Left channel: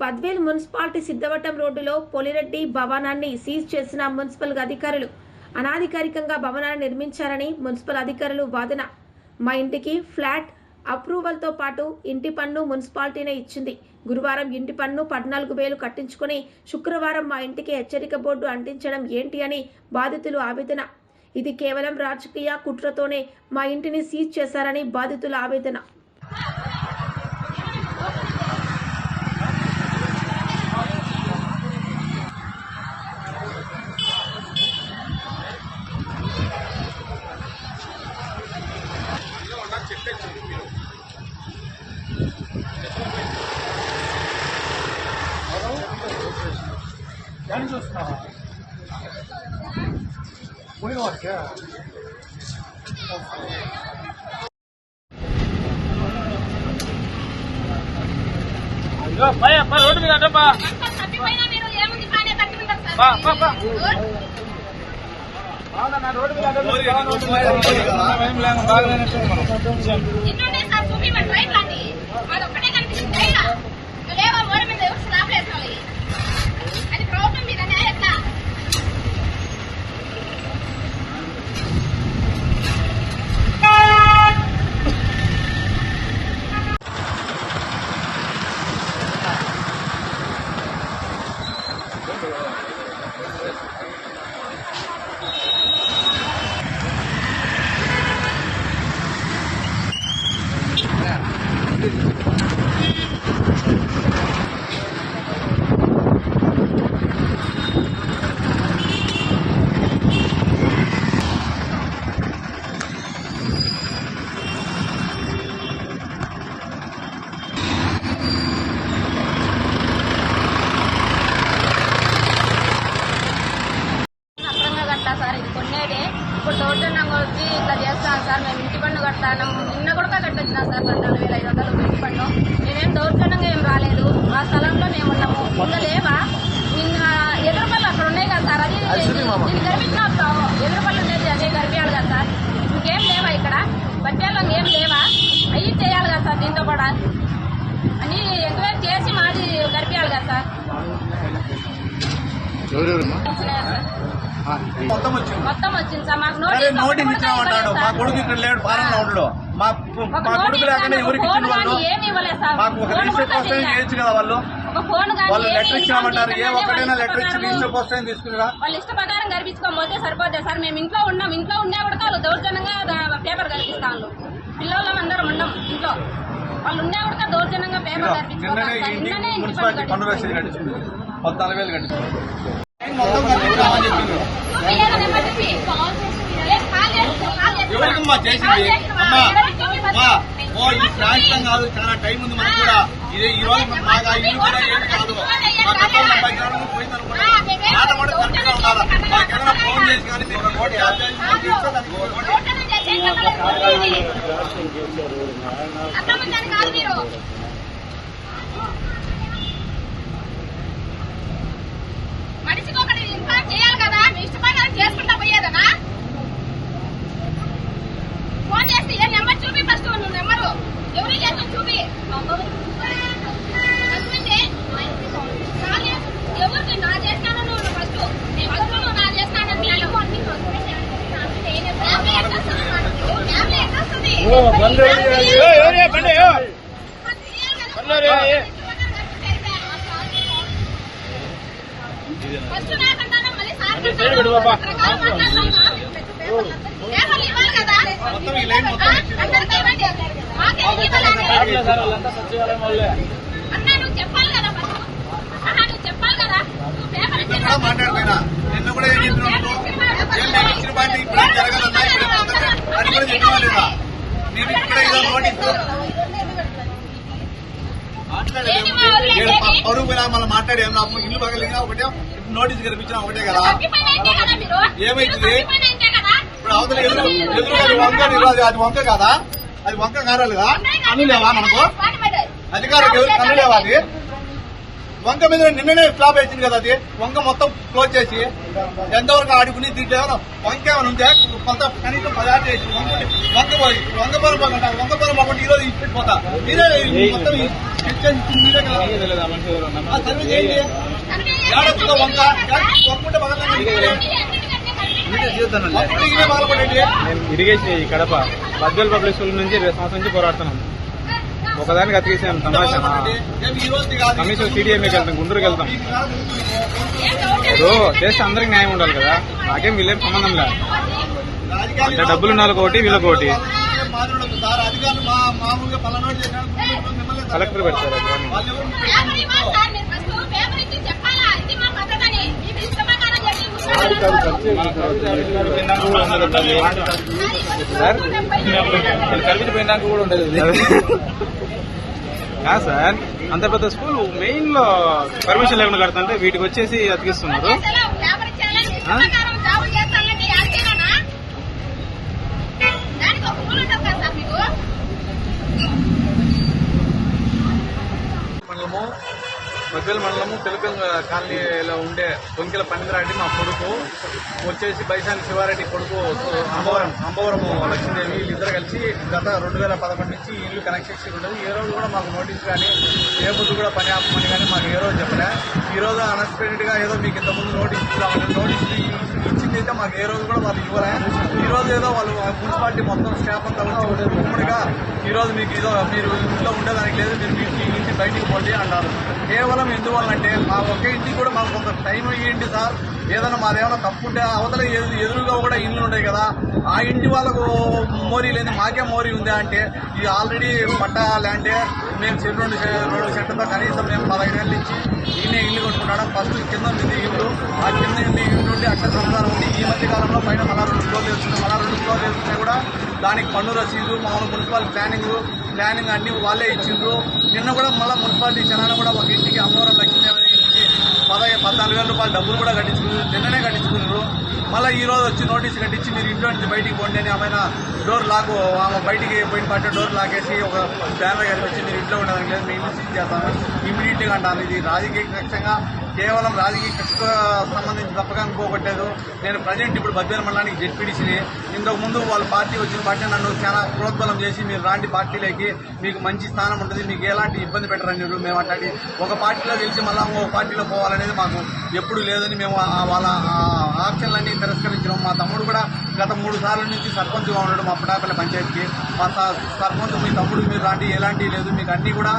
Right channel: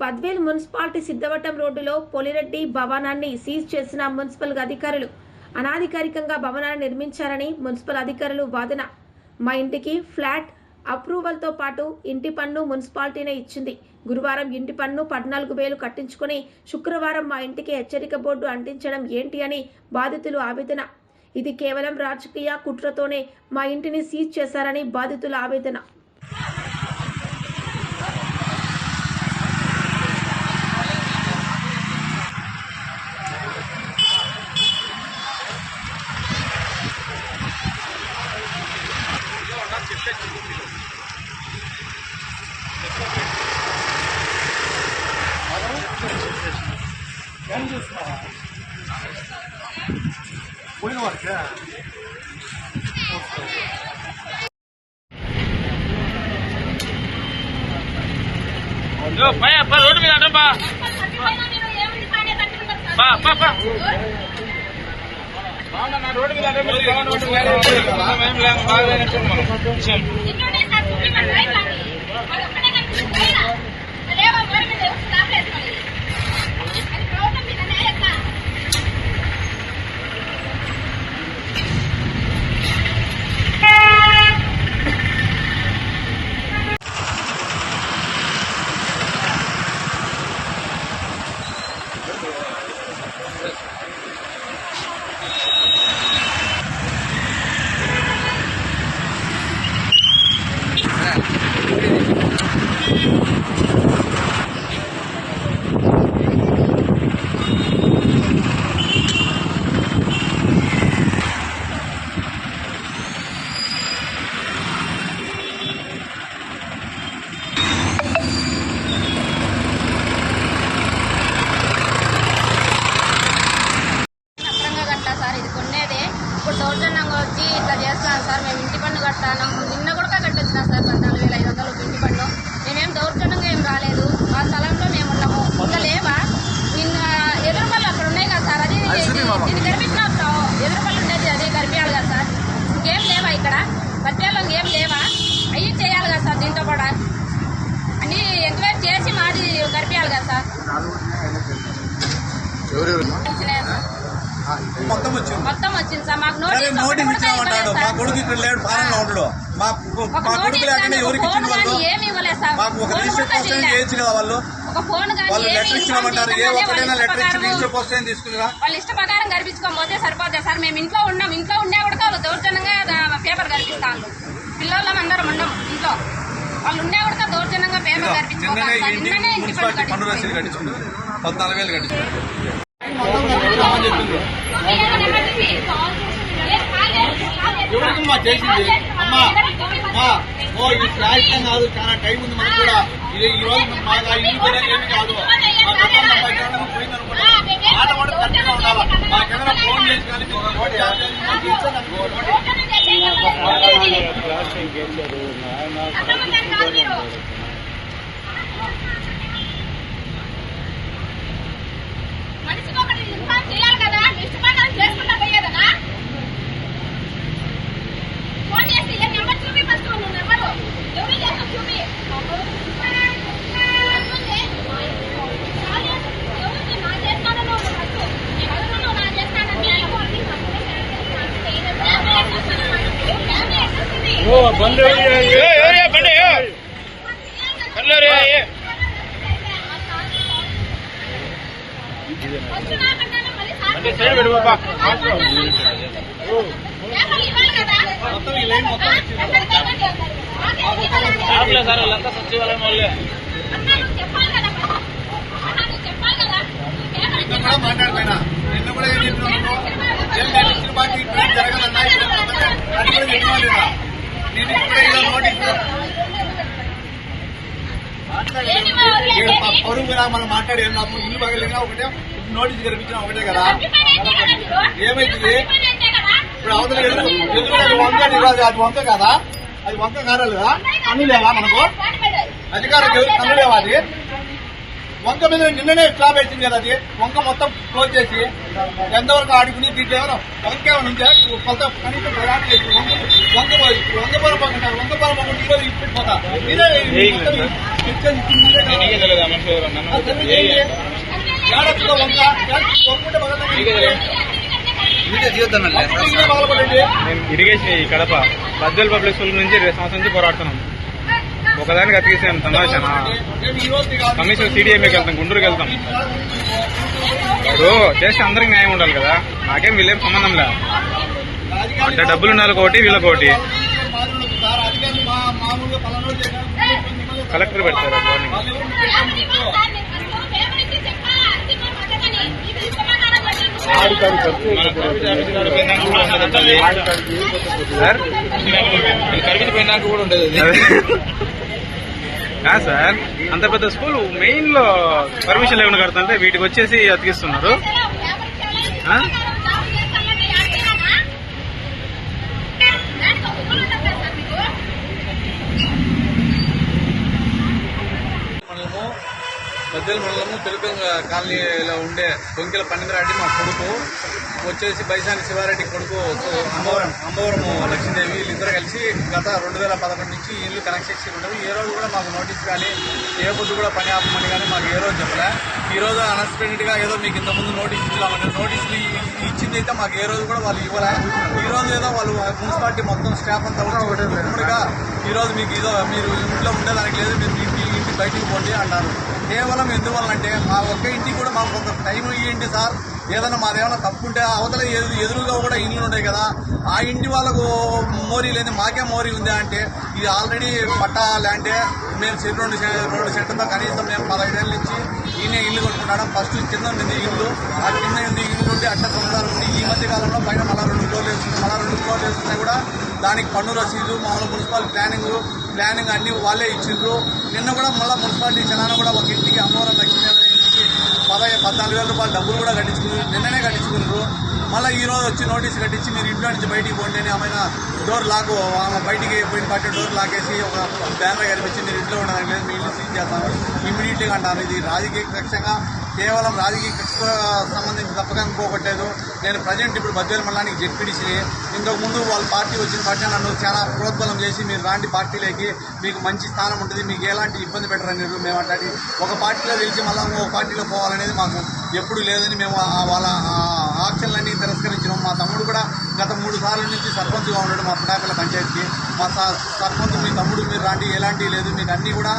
Badvel municipality Siddhavatam రోడ్డులో పొలిరెడ్డి భవనాన్ని seize చేసిన మున్సిపల్ అధికారులు అనాధికారికంగా భవనాన్ని నిర్మించారని మున్సిపల్ అధికారులు వాదన. మా ఇంటికి ఫ్లాట్ అప్రూవల్తో పాటు ఇంటి పన్ను మున్సిపాలిటీనే ఇచ్చింది. గురువారం ఇంటి పన్ను 14,000 కట్టించుకుని శుక్రవారం మా ఇంటికి హెచ్చరిక బోర్డు అంటించడం ఏంటి అని బాధితులు ఆవేదన. ఇది కేవలం రాజకీయ కుట్రతోనే మా ఇంటిని సీజ్ చేశారని బాధితుల ఆవేదన. పోయిన వారికి రోడ్డు మీద రోడ్డు ఇప్పుడు దౌర్జన్యంగా వచ్చి ఇట్లా చేస్తాను సార్. మేము ఇంటి పన్ను కట్టాను. నిన్న కూడా కట్టొచ్చినా సార్ 14,500 ఇంటి పన్ను. మేమేం దౌర్జన్యంగా ఏం రాలేదు. ఆ స్థలంలో మేము ఉన్నాము. ఇంకా లేవా? ఇంకా ఎదురుపల్లి అక్కడ ఉన్నాయి కదా సార్. అది దీన్ని గడిపించిన ఎదురుపల్లి ఉండేది అదే గడిపించాలి కదా సార్. ఇంకేం లేవా ఇక్కడ? బడ్జెట్లో ఏం లేవా? అవి చేయాలి కదా సార్. దీంతో కూడా అన్ని ఎంక్వైరీ చేసి మాది గడిపించాలి కదా సార్. మొత్తం వచ్చింది సార్. మాకు నోటీస్ ఇచ్చామంటాడు. మా కొడుకు ఇక్కడ లేడు, ఫారెన్లో ఉండడు. మా కొడుకు లేకుండా ఎవరికి ఇచ్చిన వాళ్ళు మాకు ఒక రిజిస్టర్ పోస్ట్ చేయొచ్చు కదా. వాళ్ళు లెటర్ ఇచ్చినామంటారు. ఏ ఒక్కడైనా లెటర్ ఇచ్చి రిజిస్టర్ పోస్ట్ తీసుకురా. వాళ్ళు ఇష్ట ప్రకారం గడిపించుకోకపోతే సరిపోతుంది సార్. మేము ఇంట్లో ఉన్నాం. ఇంట్లో ఉండే కూడా వాళ్ళు దౌర్జన్యంగా పేపర్ గడిపిస్తాను. పిల్లలు అందరం ఉండం ఇంట్లో. వాళ్ళు ఉండే కూడా దౌర్జన్యంగా పేపర్ గడిపించుకోవాలి. మున్సిపాలిటీ పన్ను రసీదు కట్టించుకుంది 14,000 కట్టించుకుంది. ఎవరికమ్మా చేసింది? అమ్మా ఈ శాశ్వతం కాదు, చాలా టైం ఉంది మనకు కూడా. ఈ రోజు మాకు ఇల్లు కూడా ఏమి కాదు. మా పోయిందనుకుంటా ఆట కూడా కరెక్ట్గా ఉండాలి. మాకేమైనా ఫోన్ చేసి కానీ మనిషికి ఒకటి ఇన్ఫార్మ్ చేయాలి కదా. ఇష్టపడాలని చేసుకుంటా పోయేదనా? ఫోన్ చేసి ఏ నెంబర్ చూపి. ఫస్ట్ నువ్వు నెంబరు ఎవరు చేస్తావు చూపి. ఎవరికి నా చేస్తాను నువ్వు ఫస్ట్. నువ్వు నా చేస్తానని ఫస్ట్ నాకంటాను. మళ్ళీ ఇవ్వాలి కదా. అన్నా నువ్వు చెప్పాలి కదా. నువ్వు చెప్పాలి కదా. మాట్లాడుతున్నా. నిన్న కూడా ఏం చెప్పినాను? ఇచ్చిన పార్టీ ఇప్పుడు జరగదన్నా. అది కూడా చెప్పినా లేదా? నేను ఇప్పుడే నోటీస్ పరువు మనం మాట్లాడేం. నాకు ఇల్లు పగలిగినా ఒకటే, నోటీస్ కనిపించినా ఒకటే కదా. ఏమైంది ఇప్పుడు? అవతల అది వంక కదా. అది వంక కారాలి కదా. కన్ను లేవా మనకు? అధికారులకు ఎవరు కన్ను లేవా? అది వంక మీద నిన్ననే స్లాబ్ వేసింది కదా, అది వంక మొత్తం క్లోజ్ చేసి ఎంతవరకు ఆడుకుని దీంట్లో ఏమైనా వంక ఏమైనా ఉంటే కొంత కనీసం 10 ఆటలు వేసి వంక పోయి వంక పొలం పోకుండా ఈరోజు ఇచ్చిపోతా మీరే మొత్తం మీరే సర్వే చేయండి. ఏడొచ్చుగా వంక వంకుంటే బాధపడండి. ఇరిగేషన్ ఈ కడప బద్వేల్ పబ్లిక్ స్కూల్ నుంచి 2 సంవత్సరం నుంచి పోరాడుతున్నాం. ఒకదానికి అతికిసాను తమాషా. కమిషన్ సిడిఎంఏకి వెళ్తాం, గుంటూరుకి వెళ్తాం. ఇప్పుడు చేస్తే అందరికి న్యాయం ఉండాలి కదా, నాకేం వీళ్ళేం సంబంధం లేదు. అంటే డబ్బులు ఉన్నారు ఒకటి, వీళ్ళకొకటి. కలెక్టర్ పెడతారు మార్నింగ్. సార్ కాదు సార్, అంత పెద్ద స్కూల్ మెయిన్ లో పర్మిషన్ లేకుండా కడుతుంటే వీటికి వచ్చేసి అతికిస్తున్నారు. మండలము బద్వేల్ మండలము తెలుగు కాలనీలో ఉండే దొంకిల పన్నీంద్రారెడ్డి మా కొడుకు, వచ్చేసి బైసాని శివారెడ్డి కొడుకు అంబవరం లక్ష్మీదేవి, వీళ్ళిద్దరు కలిసి గత 2011 నుంచి ఇల్లు కనెక్షన్ ఉండదు. ఏ రోజు కూడా మాకు నోటీస్ కానీ ఏ పొద్దు కూడా పని ఆపమని కానీ మాకు ఏ రోజు చెప్పలే. ఈ రోజు అన్ఎక్స్పెక్టెడ్ గా ఏదో మీకు ఇంతకుముందు నోటీస్ ఇచ్చామని నోటీసులు ఇచ్చింది అయితే మాకు ఏ రోజు కూడా వాళ్ళు ఇవ్వలే. ఈ రోజు ఏదో వాళ్ళు మున్సిపాలిటీ మొత్తం స్టాఫ్ అంతా ఉమ్మడిగా ఈ రోజు మీకు ఏదో మీరు ఇంట్లో ఉండేదానికి లేదు, మీరు ఇంటి బయటికి పోండి అంటారు. కేవలం ఎందువల్లంటే మా ఒక్క ఇంటికి కూడా మాకు కొంత టైం ఇవ్వండి సార్, ఏదైనా మాదేమైనా తప్పు ఉంటే అవతల ఎదురుగా కూడా ఇండ్లు ఉంటాయి కదా, ఆ ఇంటి వాళ్ళకు మోరీ లేదు మాకే మోరీ ఉందా అంటే ఇది ఆల్రెడీ పట్టా ల్యాండే. మేము 2 సెంటర్తో కనీసం మేము 15 ఏళ్ళ నుంచి ఈయనే ఇల్లు కొట్టుకుంటాం. ఫస్ట్ కింద ఉంది ఇల్లు, ఆ కింద ఉంది ఇల్లు ఉండి అట్ట సంసారం ఉంది. ఈ మధ్య కాలంలో పైన మళ్ళా 2 ఫ్లోర్లు వేస్తున్నాయి. మళ్ళా 2 ఫ్లోర్లు వేస్తున్నాయి కూడా దానికి పన్ను రసీదు, మామూలు మున్సిపల్ ప్లానింగ్ అన్ని వాళ్ళే ఇచ్చిండ్రు. నిన్న కూడా మళ్ళీ మున్సిపాలిటీ జనాన్ని కూడా ఒక ఇంటికి అమ్మవరం లక్ష్మీదేవి ఇంటికి 14,000 రూపాయలు డబ్బులు కూడా కట్టించుకున్నారు, నిన్ననే కట్టించుకున్నారు. మళ్ళీ ఈ రోజు వచ్చి నోటీసు కట్టించి మీరు ఇంట్లో నుంచి బయటికి పోండి అని ఆమె డోర్ లాక్, ఆమె బయటికి పోయిన పట్టే డోర్ లాకేసి ఒక బ్యానర్ కనిపించి మీరు ఇంట్లో ఉండడానికి లేదు, మీ ఇల్లు సీజ్ చేస్తాను ఇమ్మీడియట్లీగా అంటాను. ఇది రాజకీయ కక్షంగా, కేవలం రాజకీయ కక్షకు సంబంధించి తప్పగా అనుకోకట్లేదు. నేను ప్రజెంట్ ఇప్పుడు బద్వేల్ మండలానికి జెడ్పీడీసీని. ఇంతకు ముందు వాళ్ళ పార్టీ వచ్చిన పార్టీ నన్ను చాలా ప్రోత్బలం చేసి మీరు రాండి పార్టీలోకి, మీకు మంచి స్థానం ఉంటుంది, మీకు ఎలాంటి ఇబ్బంది పెట్టరని మేము అట్లాంటి ఒక పార్టీలో గెలిచి మళ్ళీ ఒక పార్టీలో పోవాలనేది మాకు ఎప్పుడు లేదని మేము వాళ్ళ ఆప్షన్లన్నీ తిరస్కరించినాం. మా తమ్ముడు కూడా గత 3 సార్ల నుంచి సర్పంచ్గా ఉన్నాడు మా పుటాపల్లి పంచాయతీకి. మా సర్పంచ్ మీ తమ్ముడు మీరు రాండి, ఎలాంటివి లేదు, మీకు అన్నీ కూడా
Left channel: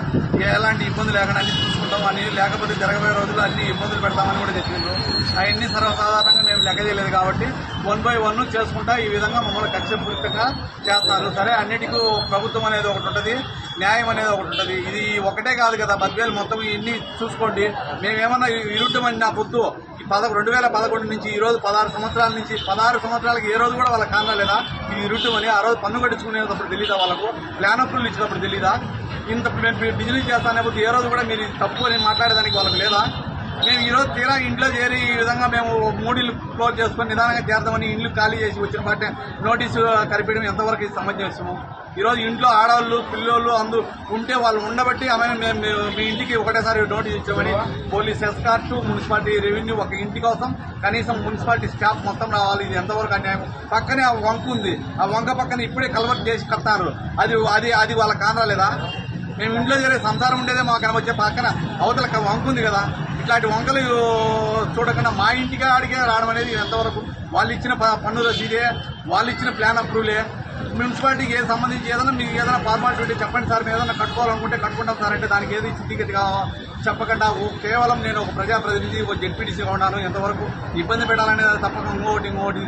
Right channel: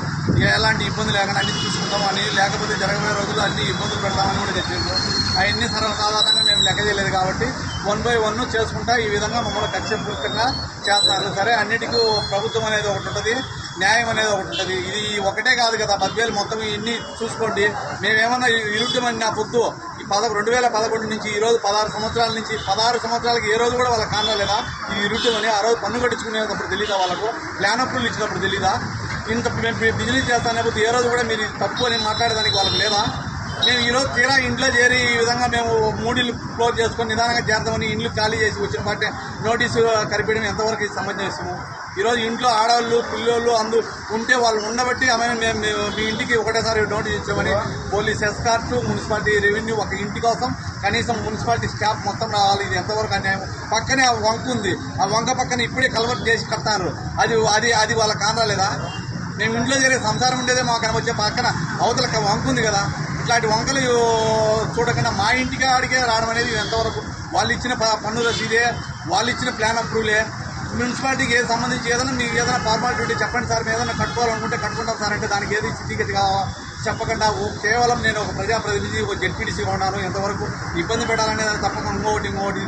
ఎలాంటి ఇబ్బంది లేకుండా అన్ని చూసుకుంటాం అని, లేకపోతే జరగబోయే రోజులు అన్ని ఇబ్బందులు పెడతామని కూడా చెప్పిండ్రు. అవన్నీ సర్వసాధారణంగా మేము లెక్క చేయలేదు కాబట్టి 1 by 1 చేసుకుంటా ఈ విధంగా మమ్మల్ని కక్షపూరితంగా చేస్తున్నారు. సరే, అన్నిటికీ ప్రభుత్వం అనేది ఒకటి ఉంటుంది, న్యాయం అనేది ఒకటి ఉంటుంది. ఇది ఒకటే కాదు కదా, బద్వేలు మొత్తం ఇన్ని చూసుకోండి. మేమేమన్నా ఇరుట్టమని నా పొద్దు 2011 నుంచి ఈ రోజు 16 సంవత్సరాల నుంచి 16 సంవత్సరాలకి ఏ రోజు కూడా వాళ్ళకి కారణం లేదా ఇది ఇరుట్టమని? ఆ రోజు పన్ను కట్టించుకునేటప్పుడు తెలీదా వాళ్ళకు? ప్లాన్ అప్రూవల్ ఇచ్చినప్పుడు తెలీదా? ఇంత మేము బిజినెస్ చేస్తానే పోతే ఏ రోజు కూడా మీరు తప్పు అని మాట్లాడేదానికి వాళ్ళకి లేదా? మేము ఈరోజు తీరా ఇంట్లో చేరి ఈ విధంగా మేము 3 ఇళ్ళు క్లోజ్ చేసుకొని నిదానంగా చేద్దామని ఇండ్లు ఖాళీ చేసి వచ్చిన బట్టి నోటీసు కరిపించడం ఎంతవరకు సమంజసము? ఈరోజు ఇంట్లో ఆడవాళ్ళు పిల్లోళ్ళు ఉంటే వాళ్ళు ఉండబట్టి మేము మీ ఇంటికి ఒకటేసారి నోటీస్ ఇచ్చామని పోలీస్ ఎస్కార్ట్, మున్సిపాలిటీ రెవెన్యూ ఒక ఇంటి కోసం కనీసం మున్సిపాలిటీ స్టాఫ్ మొత్తం రావాలి. ఇది ఎంతవరకు అన్యాయం? పక్కనే ఆ వంక ఉంది, ఆ వంక పక్కన ఇప్పుడే కల్వర్ట్ చేసి కడతారు. అది వాళ్ళ కానరాలేదా? మేము ఇంట్లో చేరే సంసారం ఉండేదే మాకు కనవచ్చే పక్కన అవతల వంక ఉంది కదా. ఇట్లాంటి వంకలు చూడకుండా మా ఇంటికి ఆడికే రావడం అనేది ఎంతవరకు? వాళ్ళు ఇచ్చిన పన్ను రసీదే, వాళ్ళు ఇచ్చిన ప్లాన్ అప్రూవలే. మున్సిపాలిటీకి ఏది సంబంధించి ఏదైనా మీకు ఏదైనా ఫార్మాలిటీ ఉంటే చెప్పండి సార్, మేము ఏదైనా కట్టుకోవాలనుకుంటే కట్టుకుంటాం సార్ అంటే దానికి ఏది స్థితిగతిగా చెప్పకుండా కేవలం నేను ఒక ప్రజాప్రతినిధి, ఒక జెడ్పీటీసీగా ఉన్నాను, ఎంతవరకు ఇబ్బంది పెట్టాలనేది తప్పక ఇంకోటి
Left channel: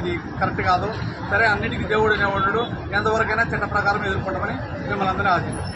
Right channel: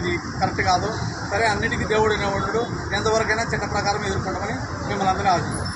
ఇది కరెక్ట్ కాదు. సరే, అన్నిటికీ దేవుడు అనేవాడు, ఎంతవరకైనా చట్ట ప్రకారం ఎదుర్కొంటామని మిమ్మల్ని అందరూ ఆశిస్తాం.